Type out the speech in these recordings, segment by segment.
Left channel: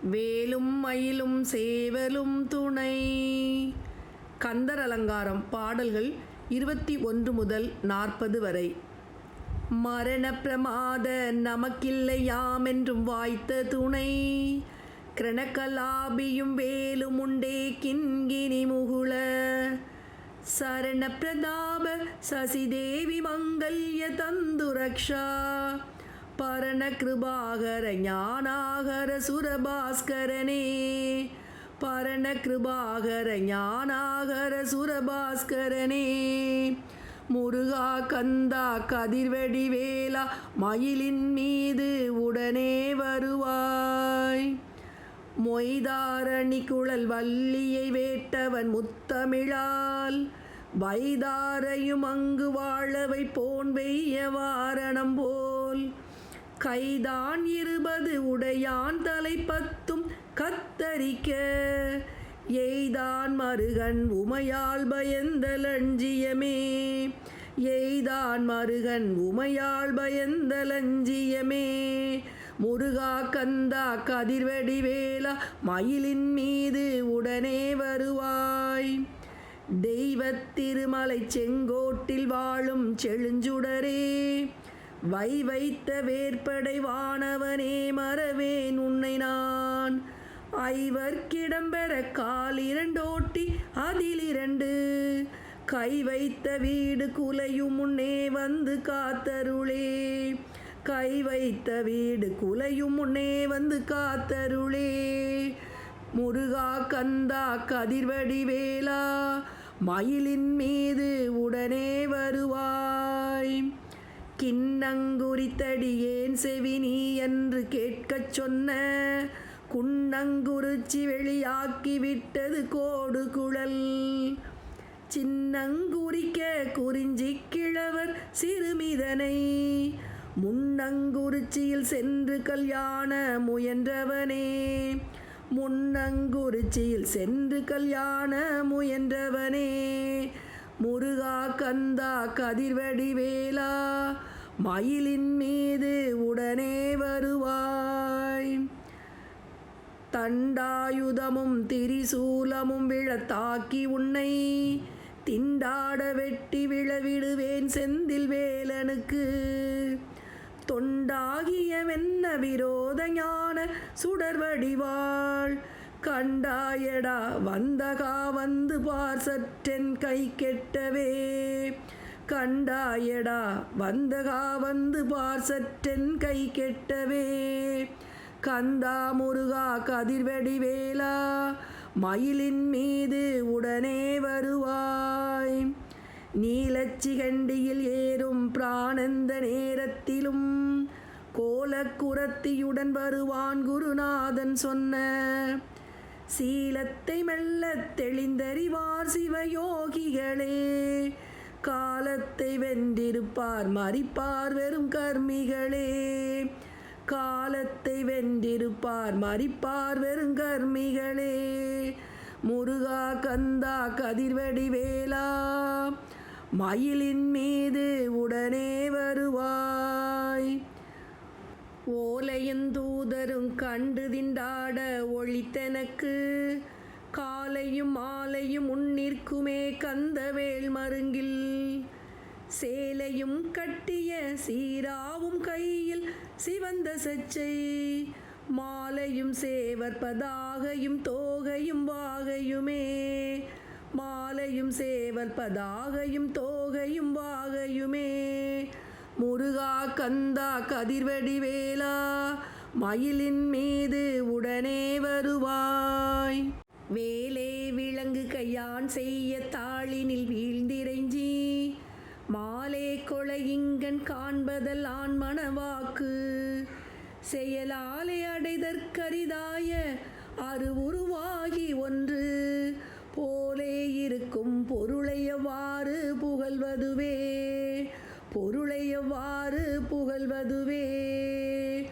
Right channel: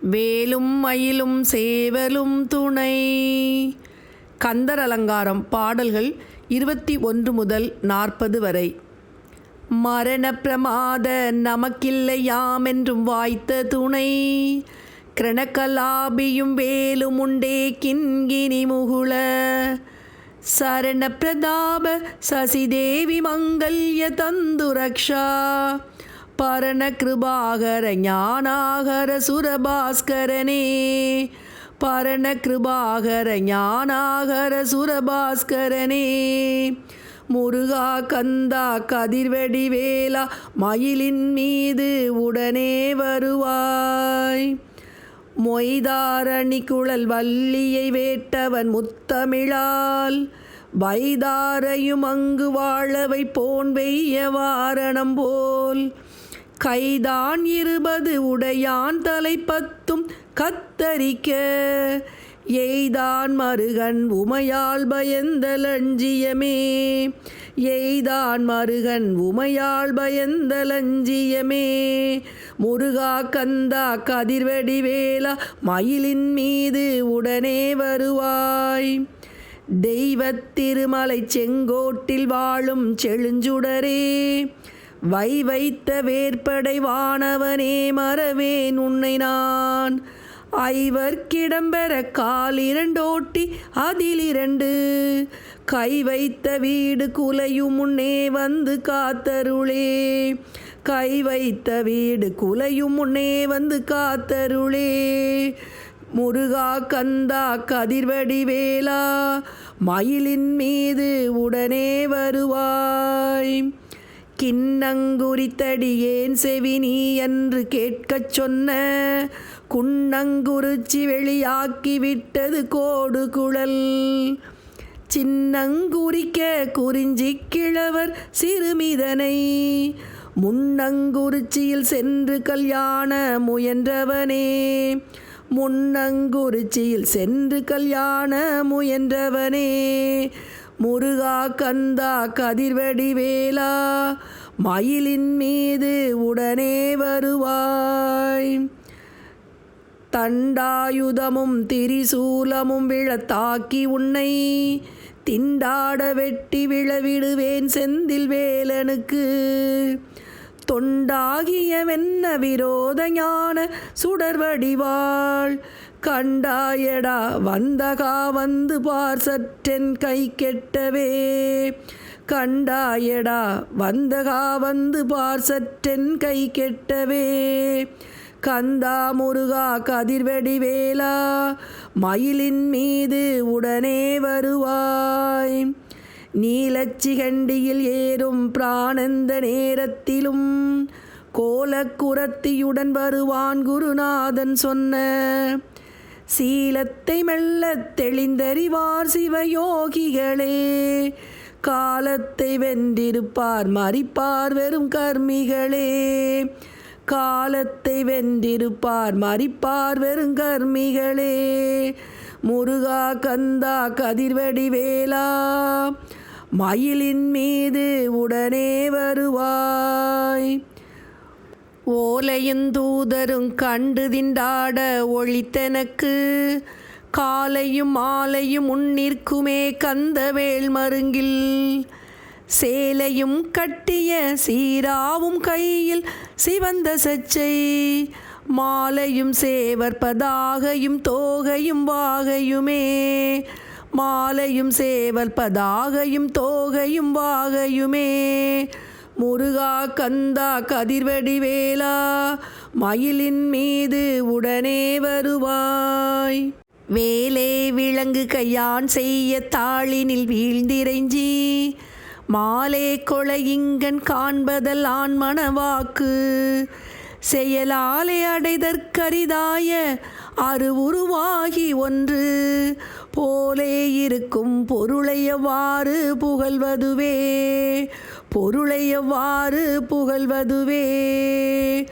வேலும் மயிலும் சேவலும் துணை. கந்தர் அலங்காரம் பாடல்கள் இருபத்தி ஒன்று முதல் நாற்பது வரை. மரண பிரமாத நமக்கில்லை யாமென்றும் வாய்த்த துணை. கிரணக்கலாபியும் வேலும் உண்டே கிண்கினி முகுள. சரண பிரதாப சசிதேவி மங்கல்ய தந்து ரக்ஷா பரண கிருபாகர ஞானாகர சுரபாஸ்கரனே. பரண கிருபாகர ஞானாகர சுரபாஸ்கரனே. முருகா கந்தா கதிர்வெடி வேலா மயிலின் மீது உடனே வருவாய். மொய்தாரணி குழல் வள்ளியை வேட்டவன் முத்தமிழால் வைதாரையும் அங்கு வாழவை போன் வெய்ய வாரணம் போல். கைதான் இருபது உடையான் தலை பத்தும் கத்தரிக்க. எய்தான் மருகன் உமையால் பயந்தலஞ்சியமே எய்தான் மருகன் உமையால் பயந்தலஞ்சியமே முருகா கந்தா கதிர்வடி வேலா மயிலின் மீது உடனே வருவாய். தெய்வத் திருமலை செங்கோட்டில் வாழும் செழுஞ்சுடரே. வை வைத்த வேற்படை வானவனே மறவேன் உன்னை நான். ஐவர்க்கிடம்பெற கால் இரண்டோட்டி அதில் இரண்டு. கை வைத்த வீடு குலையும் முன்னே வந்து காத்தருளே. கை வைத்த வீடு குலையும் முன்னே வந்து காத்தருளே. முருகா கந்தா கதிர்வடி வேலா மயிலின் மீது உடனே வருவாய். கிண்ணங்குறித்தடியேன் செவி நீ என்று கேட்கச் சொன்ன. குன்னங்குறிச்சி வெளியாக்கி விட்டது கோடு குழல். சின்னங்குறிக்க குறிஞ்சி கிழவர் சிறுமிதனை. முன்னங்குறிச்சியில் சென்று கல்யாண முயன்றவனே. முன்னங்குறிச்சியில் சென்று கல்யாண முயன்றவனே. முருகா கந்தா கதிர்வடி வேலா மயிலின் மீது உடனே வருவாய். தண்டாயுதமும் திரிசூலமும் விழத்தாக்கி உன்னை திண்டாட வெட்டி விழவிடுவேன் செந்தில் வேலனுக்கு. தொண்டாகியவென்ன விரோத ஞான சுடர்வடிவாள் கண்டாயடா. வந்தகா வந்து பார் சற்றென் கை கெட்டவே. கண்டாயடா. வந்தகா வந்து பார் சற்றென் கை கெட்டவே. கந்தா முருகா கதிர்வெடி வேலா. மயிலின் மீது உடனே வருவாய். நீலச்சிகண்டியில் ஏறும் பிராணந்த நேரத்திலும் கோலக்குரத்தியுடன் வருவான் குருநாதன் சொன்ன சீலத்தை மெல்ல தெளிந்தறிவார் சிவயோகிகளே. காலத்தை வென்றிருப்பார் மறிப்பார் வெறும் கர்மிகளே. காலத்தை வென்றிருப்பார் மறிப்பார் வெறும் கர்மிகளே. முருகா கந்தா கதிர்வடி வேலா மயிலின் மீது உடனே வருவாய். ஓலையுந்தூதரும் கண்டு திண்டாட ஒழித்தனக்கு. காலையும் மாலையும் உன்னிற்குமே கந்தவேள் மருங்கில். சேலையும் கட்டிய சீராவும் கையில் சிவந்த சச்சை. மாலையும் சேவற்பதாகையும் தோகையும் வாகையுமே. மாலையும் சேவற்பதாகையும் தோகையும் வாகையுமே. முருகா கந்தா கதிர்வடி வேலா மயிலின் மீது உடனே வருவாய். வேலே விலங்கு கையான் செய்ய தாளினில் வீழ்ந்திரைஞ்சி மாலே கொலையிங்கன் காண்பதல் ஆண் மணவாக்கு. செயலாலே அடைதற்கரிதாய அருவுருவாகி ஒன்று போலே இருக்கும் பொருளையவாறு புகழ்வதுவே? பொருளையவாறு புகழ்வதுவே?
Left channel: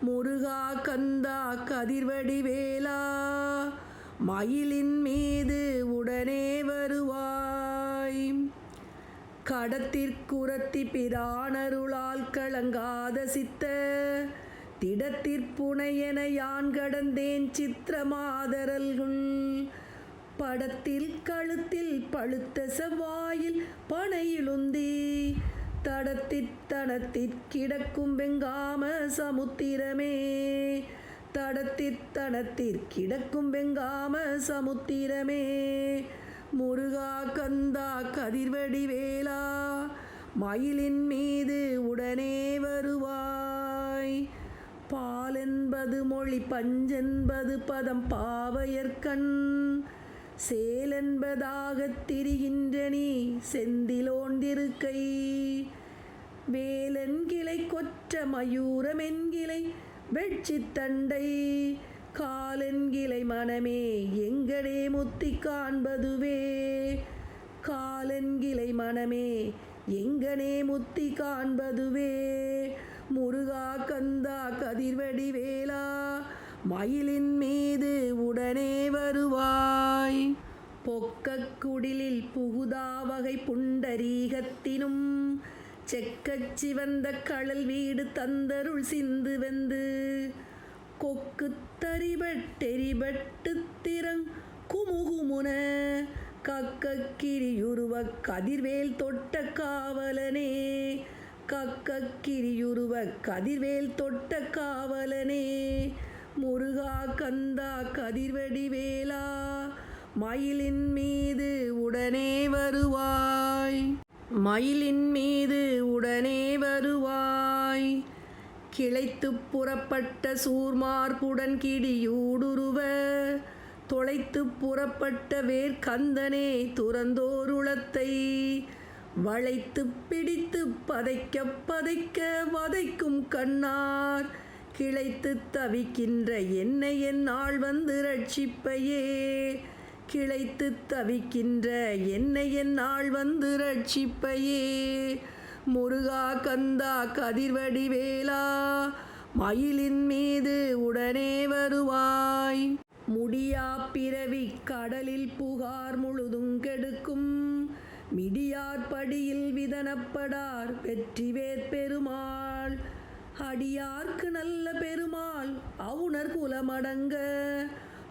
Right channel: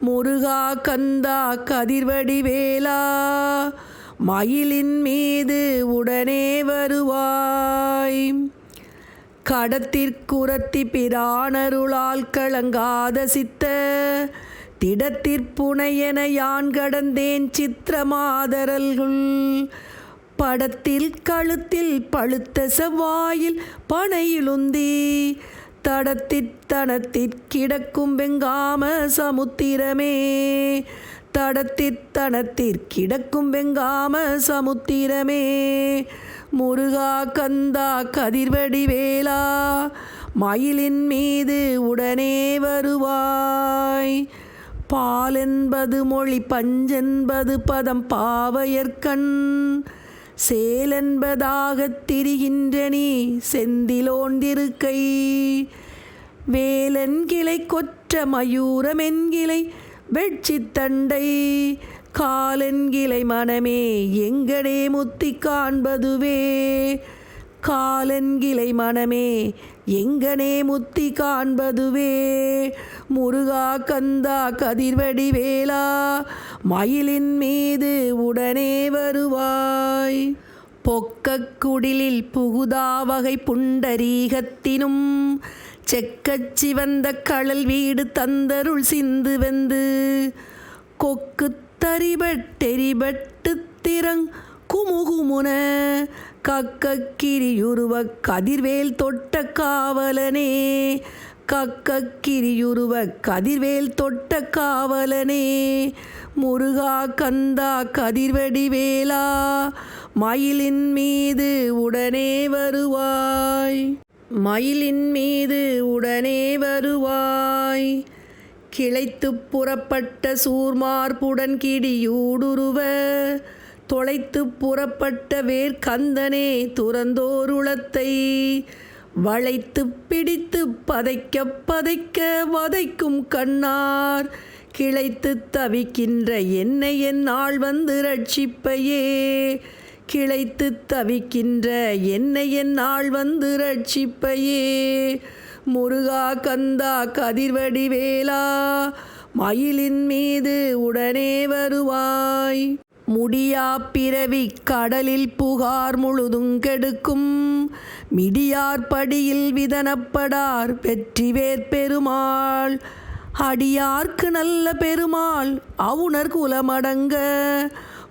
முருகா கந்தா கதிர்வடி வேலா மயிலின் மீது உடனே வருவாய். கடத்திற்குரத்தி பிரானருளால் கலங்காத சித்த திடத்திற்புனையென யான் கடந்தேன் சித்திரமாதரல்குள். படத்தில் கழுத்தில் பழுத்த செவ்வாயில் பனையிலுந்தி தடத்தித்தனத்திற்கிடக்கும் வெங்காம சமுத்திரமே. தடத்தித்தனத்திற்கிடக்கும் வெங்காம சமுத்திரமே. முருகா கந்தா கதிர்வடி வேலா மயிலின் மீது உடனே வருவாய். பாலென்பது மொழி பஞ்சென்பது பதம் பாவையர்கண் சேலென்பதாகத் திரிகின்ற நீ வேலன் கிளை கொற்ற மயூரமென்கிளை வெட்சித்தண்டை காலென்கிளை மனமே எங்கடே முத்தி காண்பதுவே. காலன்கிளை மனமே எங்கனே முத்தி காண்பதுவே. முருகா கந்தா கதிர்வடி வேலா. மயிலின் மீது உடனே வருவாய். பொக்கக் குடிலில் புகுதாவகை புண்டரீகத்தினும் செக்கச் சிவந்த கழல் வீடு தந்தருள் சிந்து வெந்து கொக்கு தரிபட்டெரிபட்டு திறங் குமுகுமுன கக்கக்கிரியுருவ கதிர்வேல் தொட்ட காவலனே. கக்கக்கிரியுருவ கதிர்வேல் தொட்ட காவலனே. முருகா கந்தா கதிர்வடி வேலா மயிலின் மீது உடனே வருவாய். மயிலின் மீது உடனே வருவாய். கிளைத்துப் புறப்பட்ட சூர்மார்புடன் கிடியூடுருவ தொலைத்துப் புறப்பட்ட வேர்க்கந்தனே துறந்தோருளத்தை. வளைத்துப் பிடித்துப் பதைக்க பதைக்க வதைக்கும் கண்ணார். கிளைத்துத் தவிக்கின்ற என்னை என்னால் வந்து ரட்சிப்பையே கிளைத்துத் தவிக்கின்ற என்னை என்னால் வந்து ரட்சிப்பையே முருகா கந்தா கதிர்வடி வேலா மயிலின் மீது உடனே வருவாய். முடியா பிறவி கடலில் புகார் முழுதும் கெடுக்கும். மிடியார் படியில் விதனப்படார் வெற்றிவேற் பெருமாள். அடியார்க்கு நல்ல பெருமாள் அவுணர் குலமடங்க.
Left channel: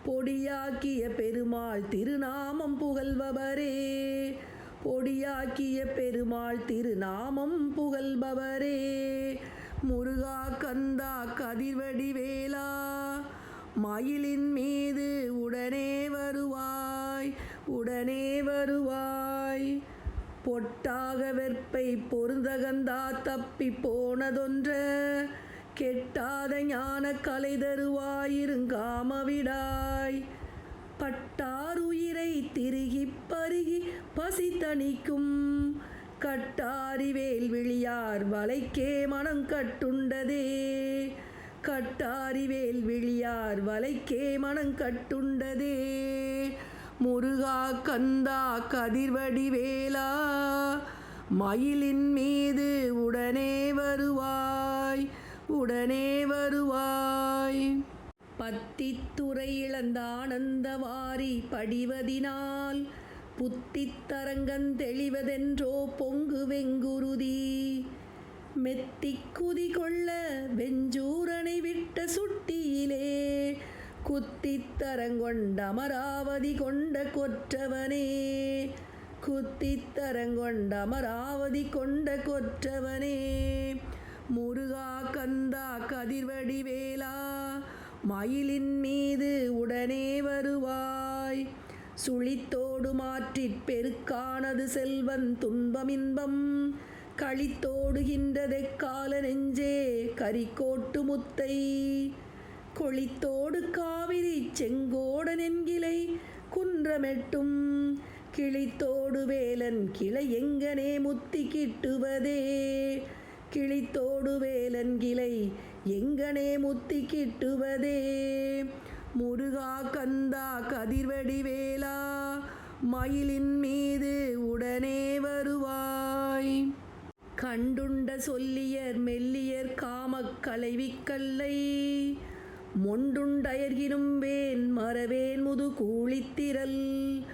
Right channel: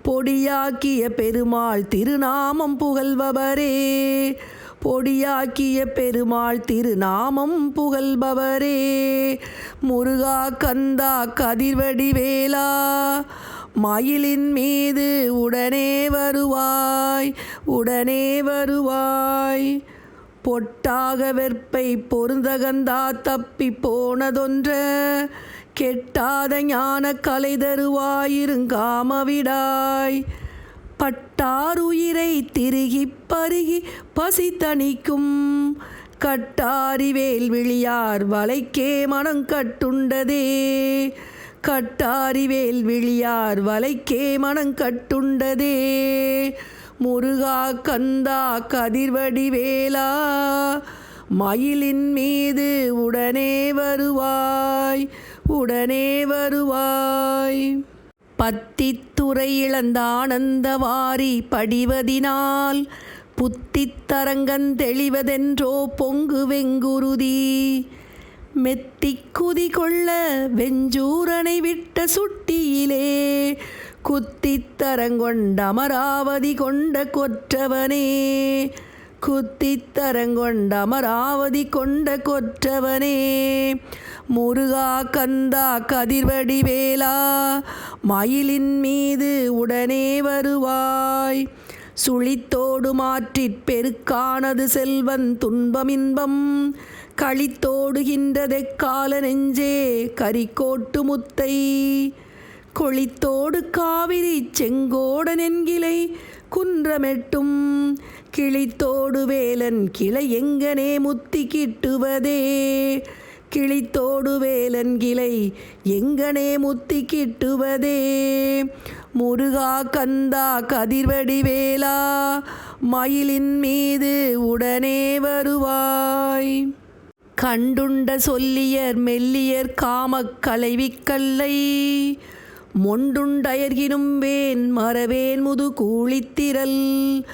பொடியாக்கிய பெருமாள் திருநாமம் புகழ்பவரே. பொடியாக்கிய பெருமாள் திருநாமம் புகழ்பவரே. முருகா கந்தா கதிர்வடி வேலா. மயிலின் மீது உடனே வருவாய் உடனே வருவாய். பொட்டாக வெற்பை பொருந்தகந்தா தப்பி போனதொன்ற கெட்டாத ஞான கலை தருவாயிருங்காமவிடாய். பட்டாருயிரை திருகி பருகி பசி தணிக்கும் கட்டாரி வேல்விழியார் வலைக்கே மனம் கட்டுண்டதே கட்டாரிவேல் விழியார் வலைக்கே மனம் கட்டுண்டதே. முருகா கந்தா கதிர்வடிவேலா மயிலின் மீது உடனே வருவாய் உடனே வருவாய். பத்தித்துறை இழந்தானந்தவாரி படிவதினால் புத்தித்தரங்கன் தெளிவதென்றோ பொங்கு வெங்குருதி மெத்திக்குதி கொள்ள வெஞ்சூரனை விட்ட சுட்டியிலே குத்தித்தரங்கொண்ட அமராவதி கொண்ட கொற்றவனே குத்தித்தரங்கொண்ட அமராவதி கொண்ட கொற்றவனே முருகா கந்தா கதிர்வடி வேலா மயிலின் மீது உடனே வருவாய். சுழித்தோடு மாற்றிற் பெருக்கானது செல்வன் துன்பமின்பம் களித்தோடுகின்றதெக்கால நெஞ்சே கரிக்கோட்டு முத்தை. கொளித்தோடு காவிரி செங்கோடன் என்கிளை குன்றமெட்டும். கிளித்தோடு வேலன் கிளை எங்கனே முத்தி கிட்டுவதே. கிளித்தோடு வேலன் கிளை எங்கனே முத்தி கிட்டுவதே. முருகா கந்தா கதிர்வடி வேலா மயிலின் மீது உடனே வருவாய். கண்டுண்ட சொல்லியர் மெல்லியர் காமக் களைவிக்கல்லை மொண்டுண்டயர்கினும் வேன் மறவேன் முது கூழித்திரல்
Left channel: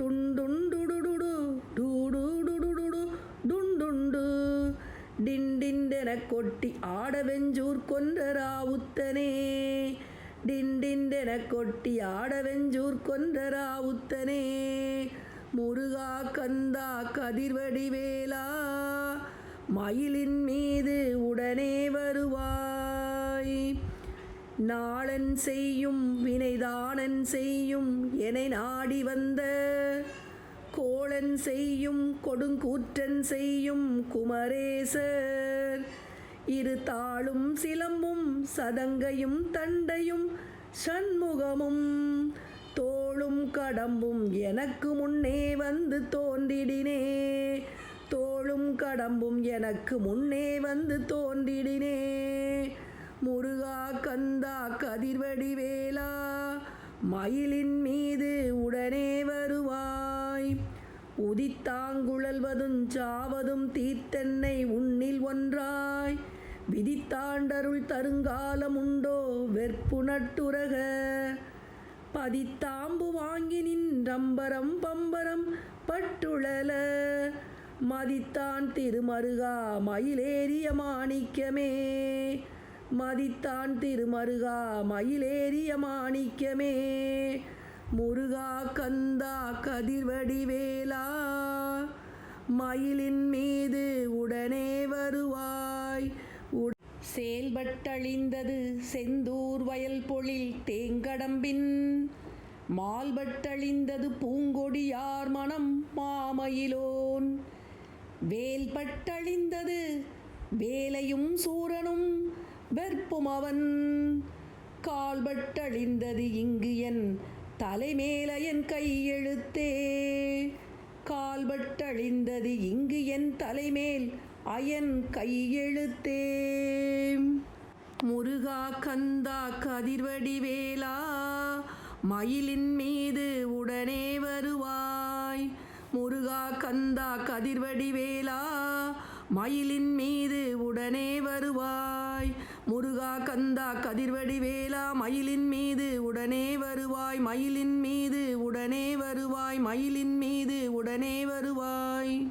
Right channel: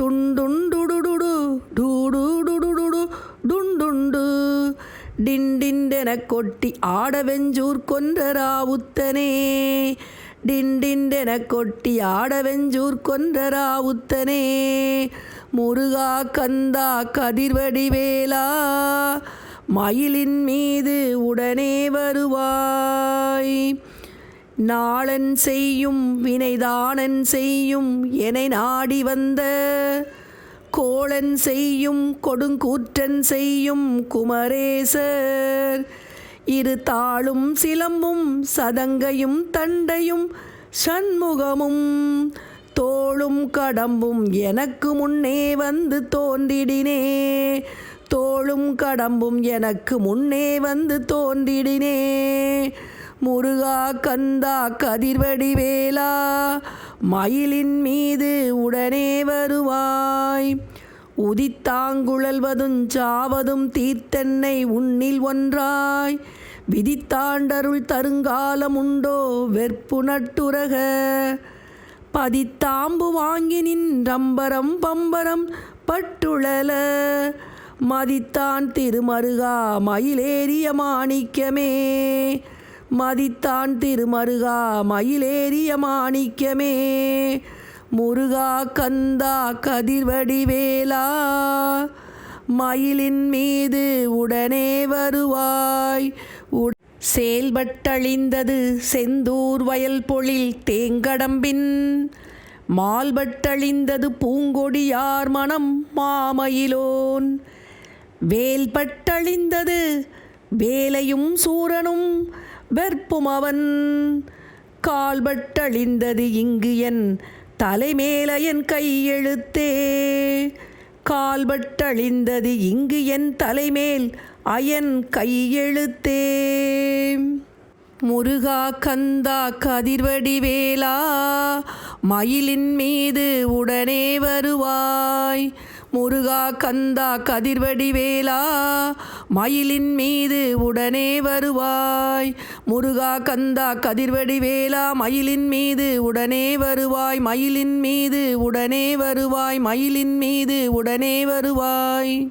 டுண்டுண்டுடுடுடு டூடுடுடுடு டுண்டுண்டு. டிண்டிண்டெனக் கொட்டி ஆடவெஞ்சூர் கொன்றராவுத்தனே டிண்டிண்டெனக் கொட்டி ஆடவெஞ்சூர் கொன்றராவுத்தனே முருகா கந்தா கதிர்வடிவேலா. மயிலின் மீது உடனே வருவாய். நாளன் செய்யும் வினைதானன் செய்யும் எனை நாடி வந்த கோளன் செய்யும் கொடுங்கூற்றன் செய்யும் குமரேசர். இரு தாளும் சிலம்பும் சதங்கையும் தண்டையும் சண்முகமும் தோளும் கடம்பும் எனக்கு முன்னே வந்து தோன்றிடினே. தோளும் கடம்பும் எனக்கு முன்னே வந்து தோன்றிடினே. முருகா கந்தா கதிர்வடிவேலா மயிலின் மீது உடனே வருவாய். உதித்தாங்குழல்வதும் சாவதும் தீர்த்தென்னை உன்னில் ஒன்றாய். விதித்தாண்டருள் தருங்காலம் உண்டோ வெற்பு நட்டுரக. பதித்தாம்பு வாங்கினின் ரம்பரம் பம்பரம் பட்டுழல. மதித்தான் திருமருகா மயிலேறிய மாணிக்கமே. மதித்தான் திருமருகா மயிலேறிய மாணிக்கமே. முருகா கந்தா கதிர்வடிவேலா மயிலின் மீது உடனே வருவாய். செயல்பட்டழிந்தது செந்தூர் வயல் பொழில் தேங்கடம்பின். மால்பட்டழிந்தது பூங்கொடியார் மனம் மாமயிலோன். வேல்பட்டழிந்தது. வேலையும் சூரனும் வெற்பும் அவன். கால்பட்டழிந்தது இங்கு என் தலைமேல என் கையெழுத்தே. கால்பட்டழிந்தது இங்கு என் தலைமேல் அயன் கையெழுத்தே. முருகா கந்தா கதிர்வடிவேலா மயிலின் மீது உடனே வருவாய். முருகா கந்தா கதிர்வடிவேலா மயிலின் மீது உடனே வருவாய். முருகா கந்தா கதிர்வடிவேலா மயிலின் மீது உடனே வருவாய். மயிலின் மீது உடனே வருவாய் மயிலின் மீது உடனே வருவாய்.